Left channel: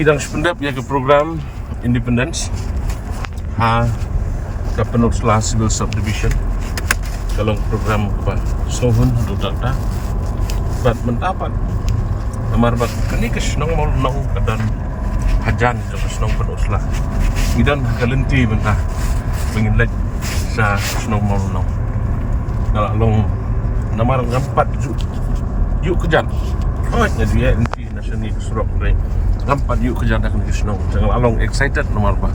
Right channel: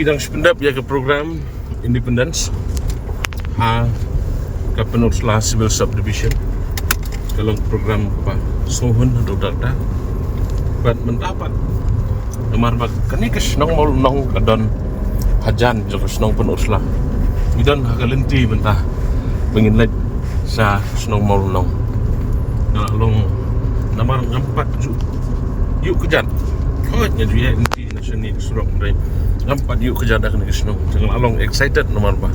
Idang sependap ya ke program Independence ha ke Peninsula Civil Subdivision kalau program ke Sohun atau data bat mendapat nomor bat kini kesenong mau nong dan hajan terus nong Peninsula midan hakalenti bentah ingin lek sa senong mau nong kalau long nomor ngampat yuk kejan oh jadi nanti nasional surok dari ngampat yuk kejan dah kena kesenong jangan along excited nomor bah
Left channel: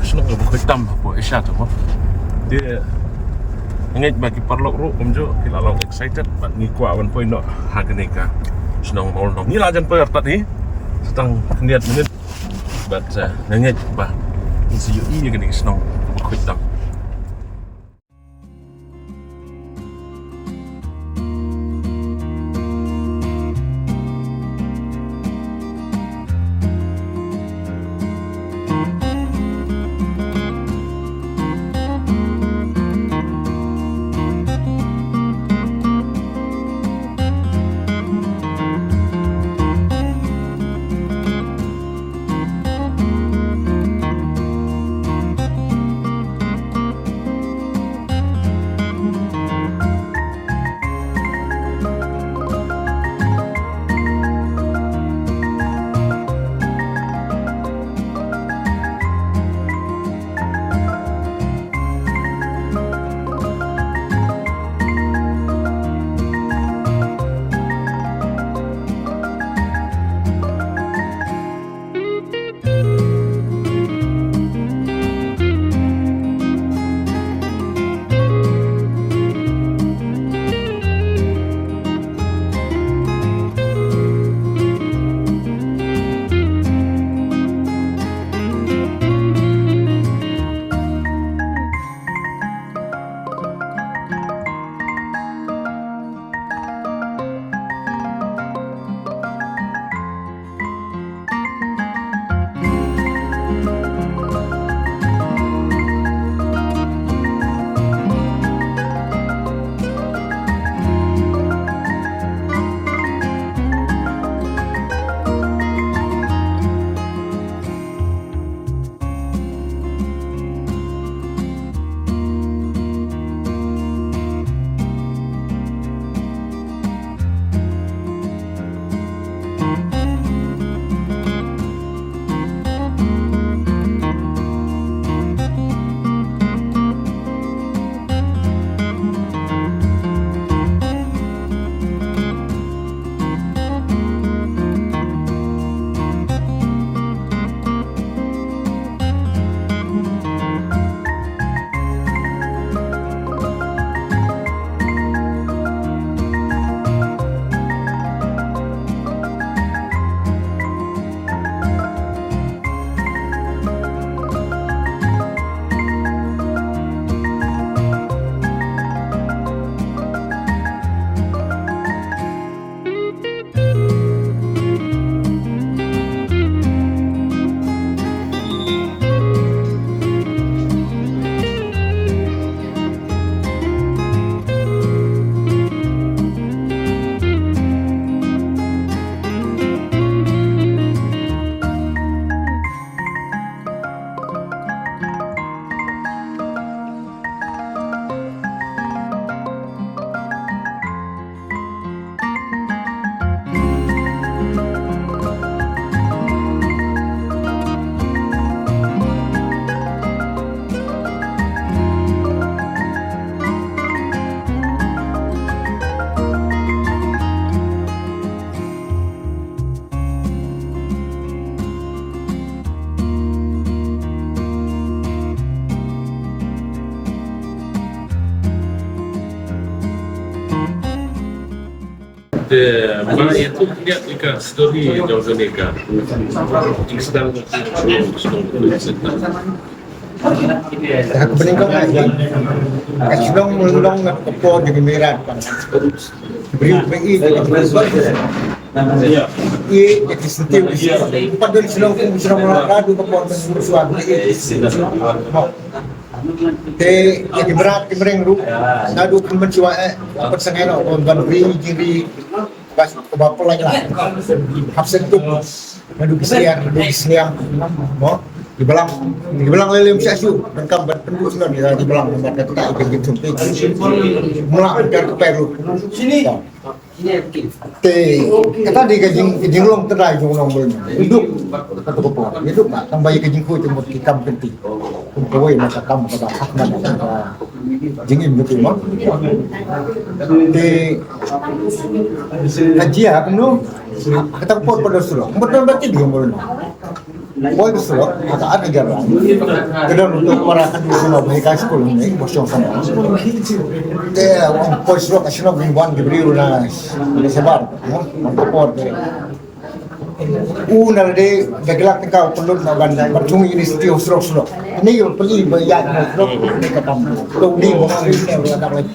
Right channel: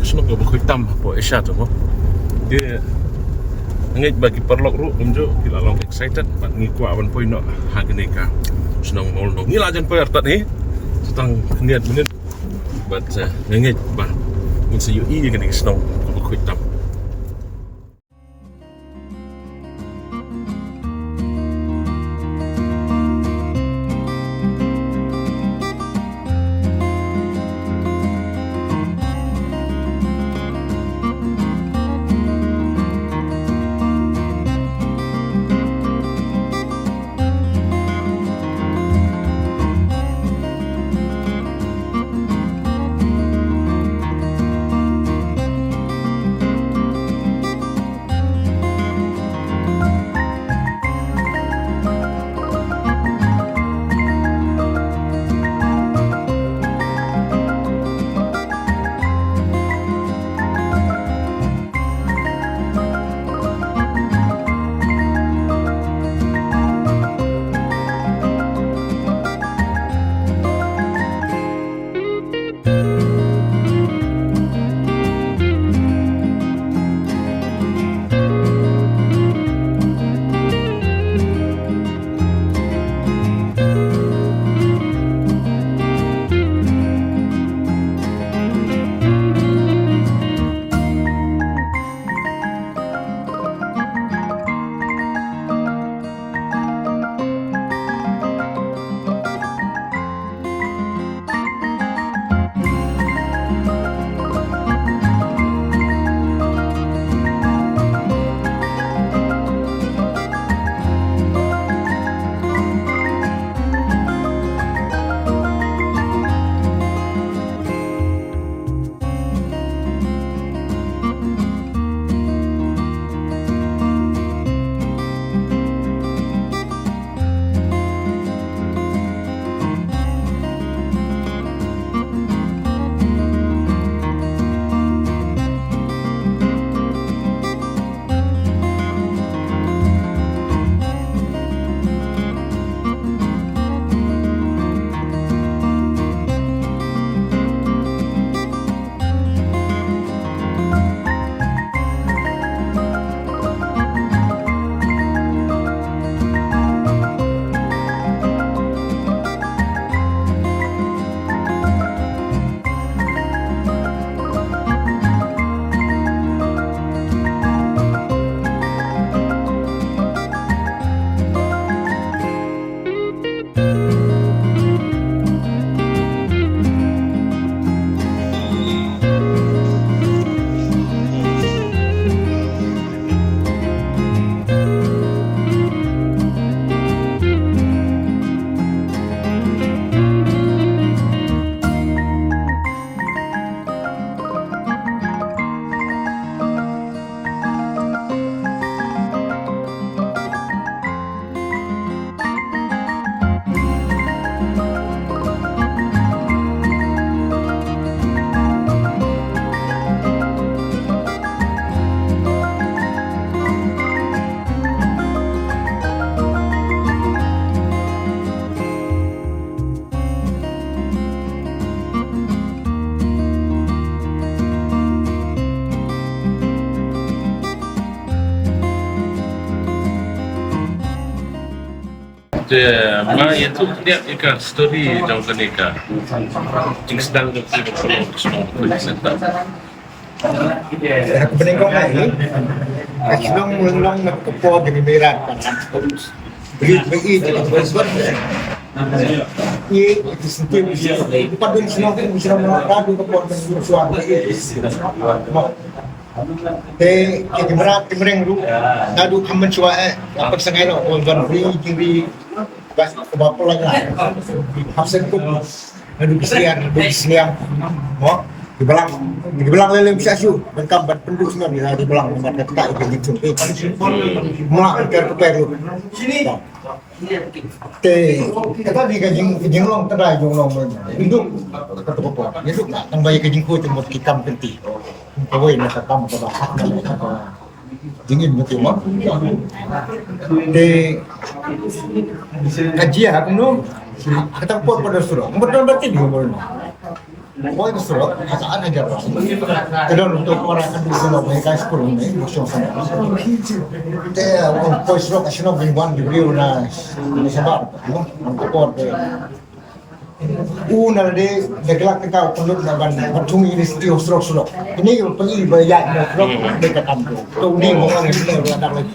kesenong ke buku hitam apa Asia tu mah dia ngej bagi perlok ru umjo kila along excited bat ngiku awan poin no hageneka senong mau nong ngila jan per tat ni setang niat menit bat ngej bah ni seyu i kena kesenong ke buku hitam. Ma itu dia ikan story jauh nika. Jing sedang sedang berbicara. Aku bening kau lagi. Kasilong mulong nagkapo di miran kan. Beri jadi berbuat. Iya, itu setiap pada silong pun bisa melakukan kapo dengan suatu itu. Te jadi berat mereng ru. Nadu kamen cua apa sengeno kon wi jiri bas bapak lagi lah. Hapsen tu Nadu bisniang mo di belang lelem siasu dan kambat penduk seno di belang nomor kata ikan gitu mulak kan perlu te kata di kajing long terai jong nong bel hidup kata popo hidup nak tang bayi kajing ku temut kitam penti kumpoi nak kam pada mana jingin betul mah te kajia kuno kata pot pada surah betul betul dia bel boy kesurat ataan ajaran kedon untuk para kan di sana mereka sekolah ini bosong sama dia orang boy surat asal mingguan diberi na sebar untuk pot nade dagelak kau penduduk na bandai bercung ini setiap surat ini pergi bayar surat mereka kampung tu ni orang ini latar lagi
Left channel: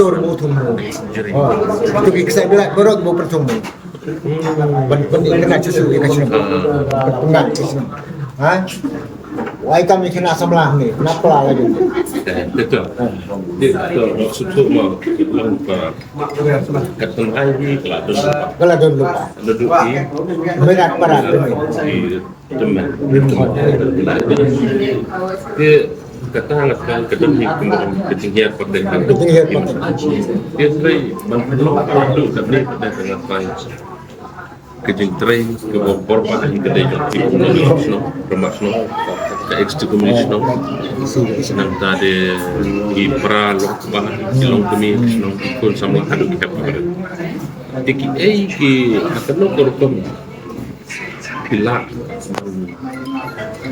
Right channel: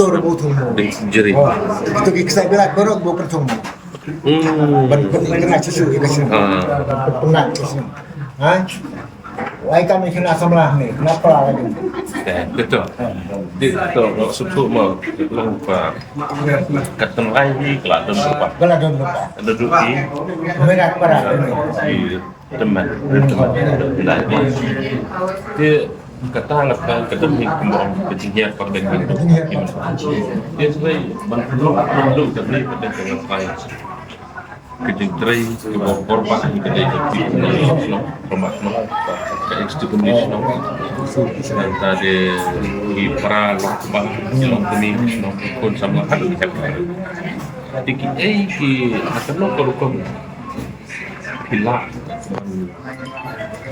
turbo tunggu itu kisah berat berot bo percung ban kena susu ikan sini pengat sini wai kami kena sebelah ni kenapa lagi betul betul suatu mau lupa kata lain kalau lupa duduk di berat ini teman dia kata kan kedemi kemauan ketinggian pada dengan dia sebagai bantuan duduk kat ni pada dengan lain kejeng tray ke korban ini kedai di Indonesia promosional ke ekstremisme senang tadi di pra lokba di longkemi senang ikon samlah haduk happy tiki ki akan lokom pila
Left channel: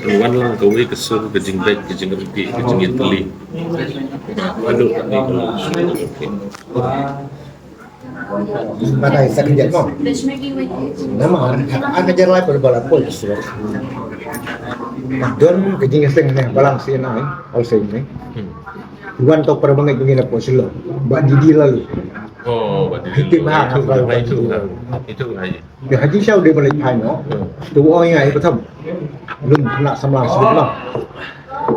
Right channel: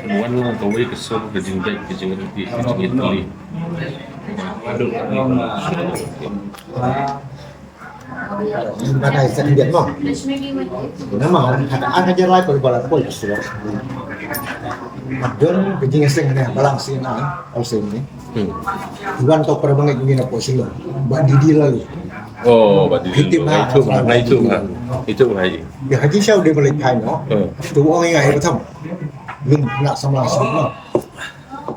peluan lang gawe kesur kejeng baik kejeng rupi kejeng itali haduk ni Nakai sakit mo. Nama ada ajar lai pada balap pol surat. Don kejing seng ni balang sin ai, all same ni. Iwan tau pada bangai gini apa sila. Bak didi lalu. Oh, bak didi. Kita mah itu haji. Dia haji siapa dia balik pai no. Tu orang yang pertama. Belum nak samlah sebut no.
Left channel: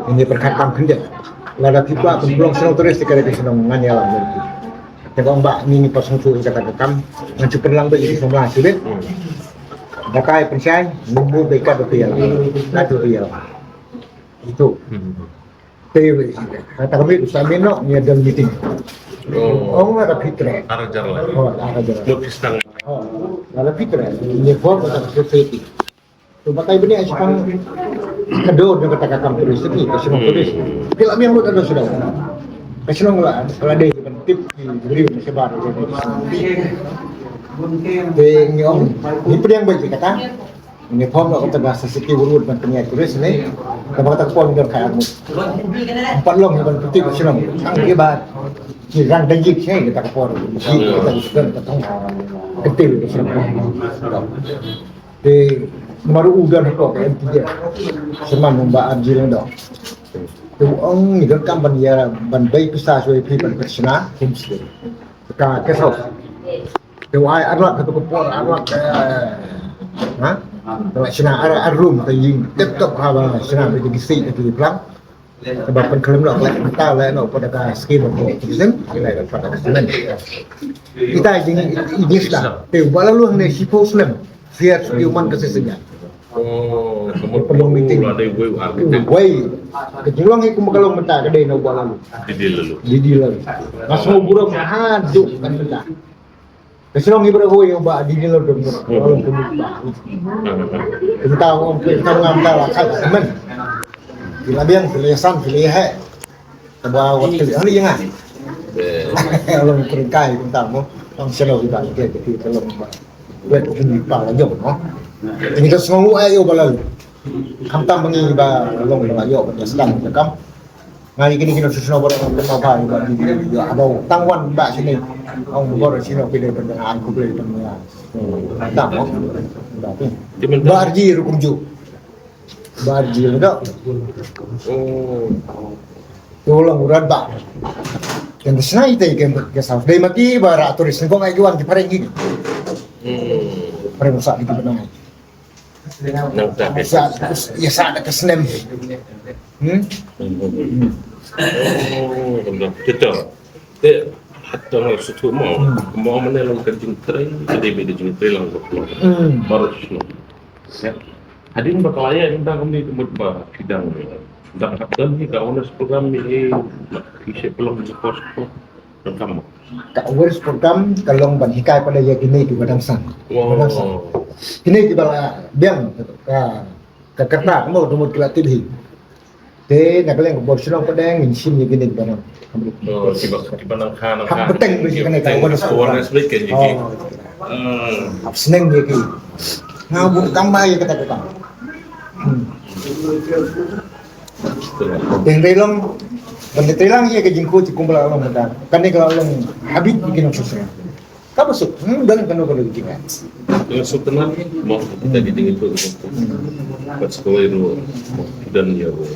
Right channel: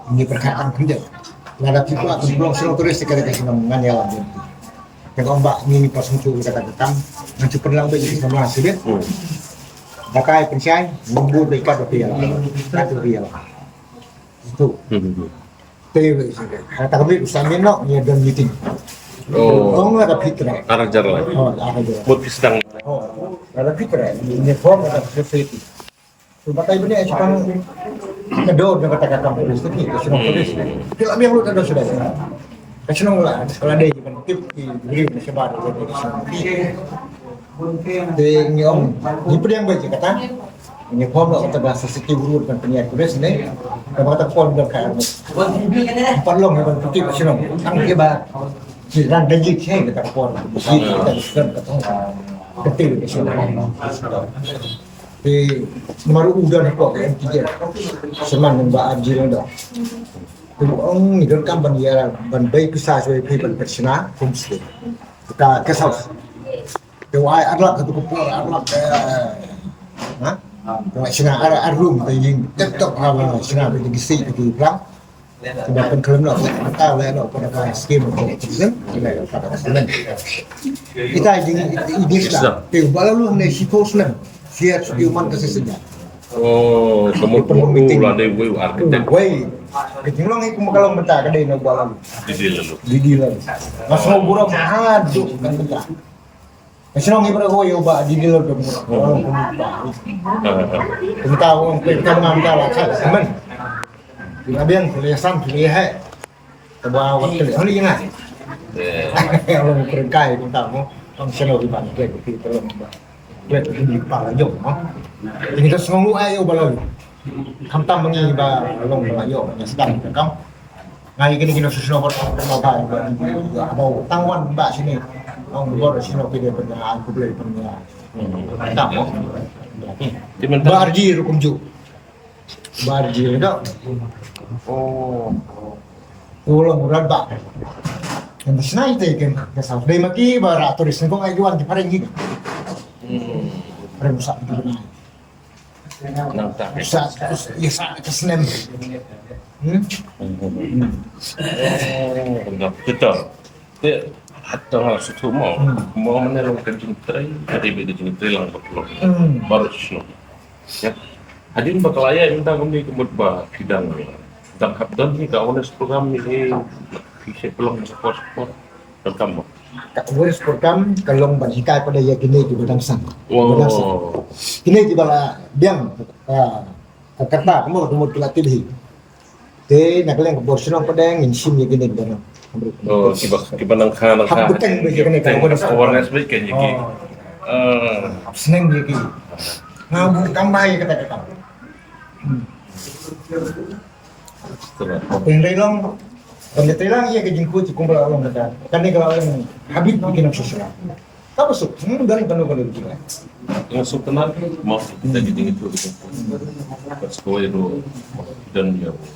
Ini perkataan kerja. Lada tiba pun belum senang terus sekali ke senang nganyal berarti. Yang ombak ni pas untuk kata kekam mencuba lang bagi semua hasil. Dakai pensian nunggu dekat rupiah itu. Tapi kata kami usahain no ni ada meeting. Orang ada fitrah. Arajar lah. Arajar. Mut pistang. Ada fitrah. Ini form atau society. Tu batai benih sekarang kedor yang kata kekam tulis ni, kesenong tulis. Kalau yang lu ada sudah. Kesenong lah. Kalau ada tip diberi sebar jadi di sini. Ni om, ni pedang baik kata. Ini form lah kata bahasa sikit urut dan penyiar tulis ni. Kalau kata form dan kayak armut. Empat long yang putih kesenong. Tang dia bah. Jirang daging saya kata form. Mesti kita disebut kata ketil kesenong. Baru udah nak pakai M3 seman mbak Anjir dah. Ông ni kan kan ban ya ban bay pisah suai pi ban persina homestay. Ka guest house. Tu ai arlak tu ko arlak tu sina ar room tu ying tetap ha sina be di si di pelang. Sebab pen kelem nak lek mata lek nak pada ka skim ko. Terus kita pada kesenan. Kita ini sudah. Tu balalu ne sipo slam. Siap human kesesenya. Oh, kamu perlu meeting lah dari wei arkitek. Wei, kejulang itu kalau mentah kedai nak buat lalu. Didi lalu. Masuk buruk haduk kan mentah. Kejulang itu berapa wei ubah didi lalu dong. Orang pemuda. Mentah orang kita mengambil lah kan teman. Bila biang kelihasan kelihai. Sebuah waktu ini yang ah. Orang peringkai mentah mo. Orang senang ibang dia kita tolong ibang. Dia tu ibang aja mo. Ini tu semua ayo balau. Kamtam bengi ba long ba yo ba sedang kam. Ngai kini susun ber apa ba di yo abau tangwan ba sini. Ong bor sini pide pen aku beli pen ya. Tam mo. Tapi barji rukum ju. Barji dak. Oh. Tolong urat ba. Yang senai itu ke south. Dai maki ba turis ni kong ayuan di pareng gini. Pareng usak di benang. Nang tak ya saat ke snem. Betul. Dia hatta suatu mau mana long kejing tray, jadi kejing tray lang baru sno. Ya. Adin bakal ayah minta kami kemud bah bidang dan kapten ni dah honest program ni bisa belum support dan kamu. Ka awareness program kalong ban hikai pada ya kini di badang sang. Badang sang. Oh, Kini di bala biang ka karta kamu rumut kila tibhi. Te nakaleng ko borsunong padang insim ya kini di badang. oh, kiba nang kana Hak beteng be kini ka awareness baik kan jadi. Seneng ya kini. Nah, bukan tambah ya kata-kata. Tendrilong, tendrilong iya ke jingku ci kumpul orang muda. Kan dia kalau orang habib bikin sosial. Kamu sup, dan kan kalau bikin. Yang sebenarnya mau kita jadi itu pas sekolah itu dan ya bu,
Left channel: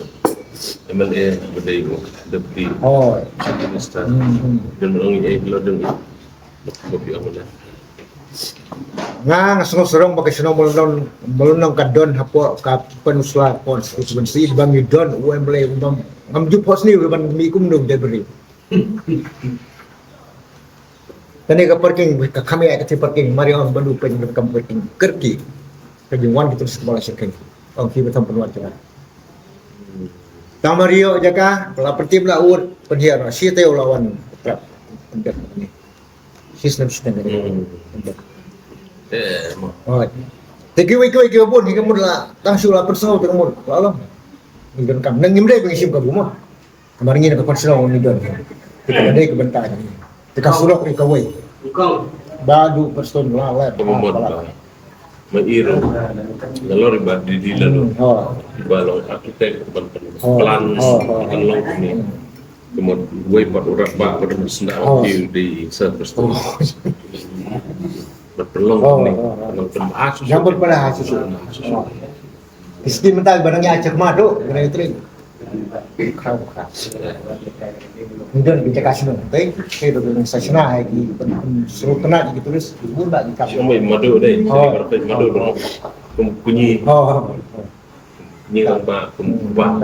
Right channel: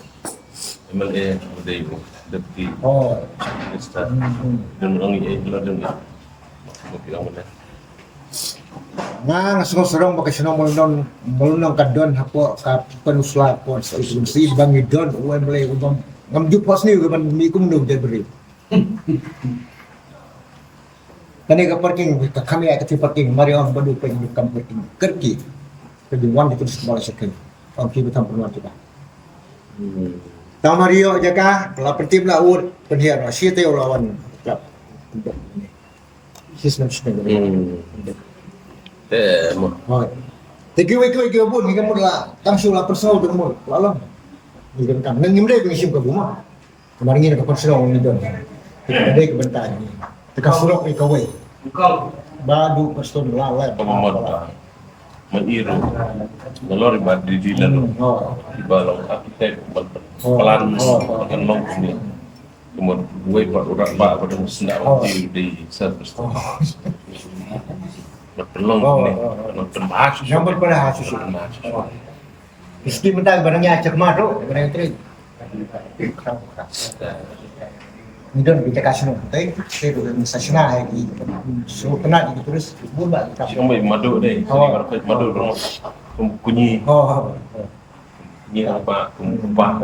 MLA berdaya bu, deputi, minister dan orang ini ladang ini, kopi aman. Nga ngasong serong pakai senong melunong kadon hapo ka penusla pon itu bensi bangi don UMLE ngamju pos ni ban mi kum dong debri tane ka parking ka kami ay ka parking mari on bandu pen kam parking kerki ka jingwan gitu sekolah sekai on ki betam penuan kita tang mario jaka la pertim la ur penhiar si teo lawan trap pendek ni sistem ni oh, tegi pun hingga mula tangsul lapar selalu dengan mula lalu hingga kam nang ngimdai pengisim ke rumah kemarin ini dapat selalu ngidon kita ada ke bentar kita surok ni kawai badu person lala Kemampuan mengiru ngelor di dilan di balong arsitek pelan ngelong ini kemudian gue buat urat pak pada sendak wakil di service tu berpelong ni penbahas nyambut pada susu iski mental barangnya acak madu kena itu Nidon kita kasih nanti, saya berdua stasiun lagi, suruh kena gitu terus, ibu mbak di kafe. Kamu madu deh, berapa madu dong, kunyi, kunyi apa, kumpah,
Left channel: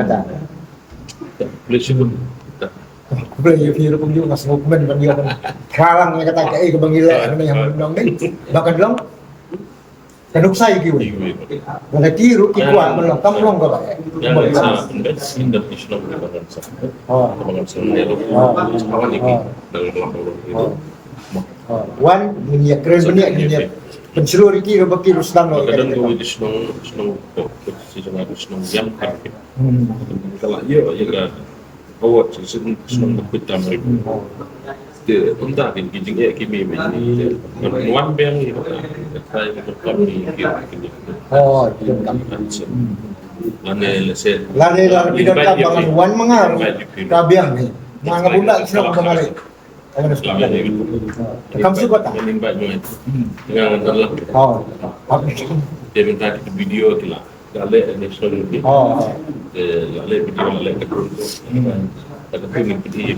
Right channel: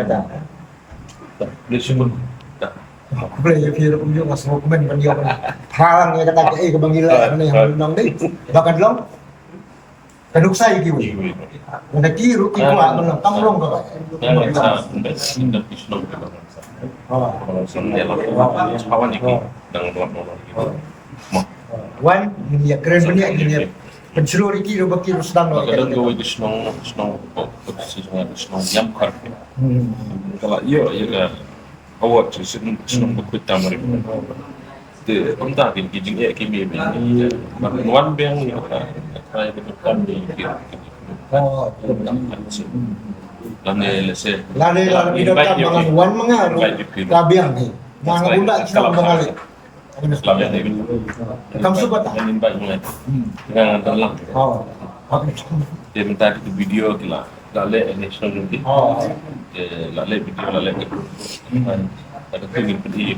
boleh sebut. Aku boleh view pun juga nggak semua komen ban dia kalang ya kata kayak ke bangila mana yang menang deh, bahkan dong, kaduk saya gitu, mana kiru kikuat menang, kamu dong gak pak? Yang international kebangan ni lah, kawan ini dengan pelapor itu. Wan minyak keren banyak minyak penseluruh iki baki rusdan lo. Kadang kau di snow posisi dengan snow jam kan. Kalau iya kan awak sih snow berpita mari. Dia entah di kijing kimi ini. Wan bang ni kata itu kami kira. Itu kami. Lane bidang bangan wan mengaruh kabiang ni. Mga bunda sila bangali. Selama ini Kamu suka tak? menimba dengan dalam dia minta di video kila lale national ni lale video lale ke grup dan kata tu ni pergi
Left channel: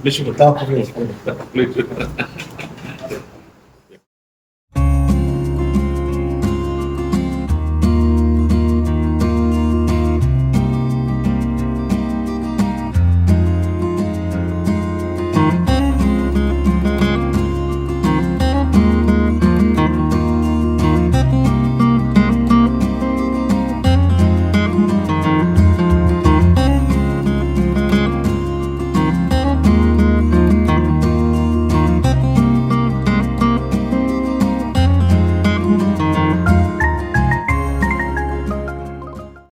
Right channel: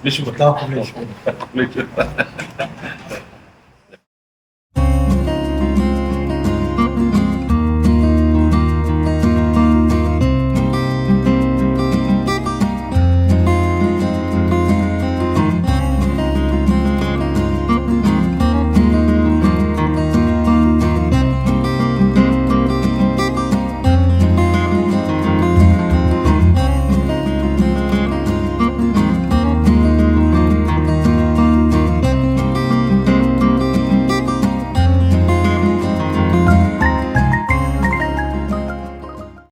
boleh sebut